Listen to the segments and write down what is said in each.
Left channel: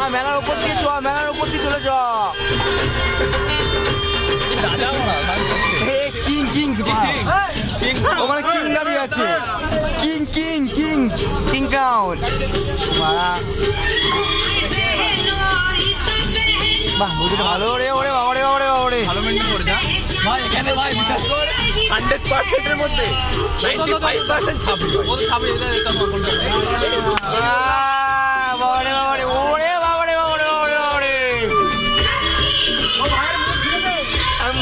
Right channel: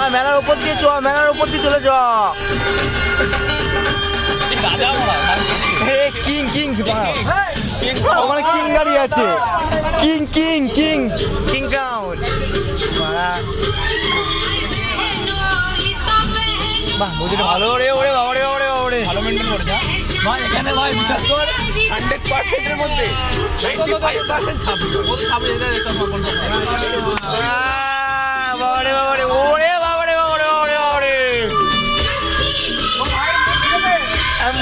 বাংলা মেলার উপর দিয়ে চ, মেলার উপর দিয়ে চলে চ। কিং কিং ওখানে কিং দাঁড়িয়ে আছে, king king king king count মারা। বাহ বুঝলি ভালো রে, ওরে বাবা রে, ওরে বাবা রে, ভালো মেনটেন করেছে ভাই। এখানে ভাই বিশ্বাস কর 100%-এর মধ্যে 95% ছাপি। বাবারে বাবারে, ওরে বাবারে বাবারে বাবারে বাবারে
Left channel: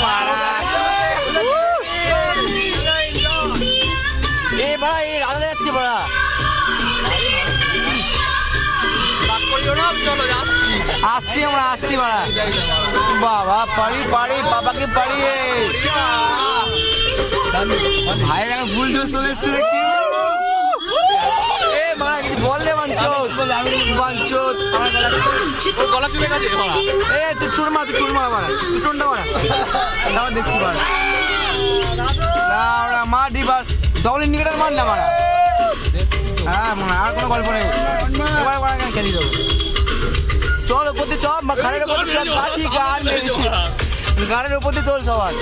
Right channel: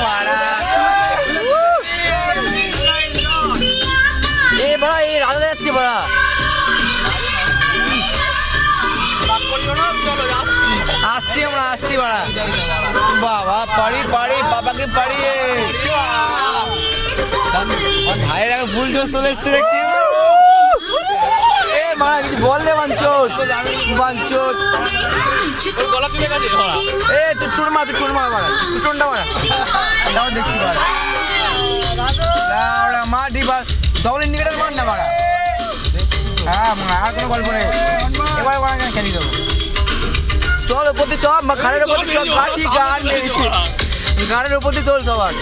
মারা। এ বাড়া, এই রাজা যাচ্ছে বাড়া। আসছি আমরা, আসছি বাড়া। বাবা পারি পারি, বাবাকে পারিয়ে ভাইয়ের এখন ফুল জোর চলে এসছে দেখছি। এ মা কিছু বললে বাঞ্চোত বাঞ্চোত, গলা তুলে গেছে। এ তুই টুর মারা, তুই টুর মারা মারা, তুই টুনটা মারা। আমার দেখছি বাড়া মা ডিবার ডবল ইন্ডিকেটার মার না মারা। হ্যাঁ আর কোনো গল্প নেই, এবার খেলি দেবো। চল ওপর দিয়ে চল, ঘাড়ের ওপর দিয়ে চল, গাড়ি গান গাড়ির ওপর দিয়ে তোল সবার।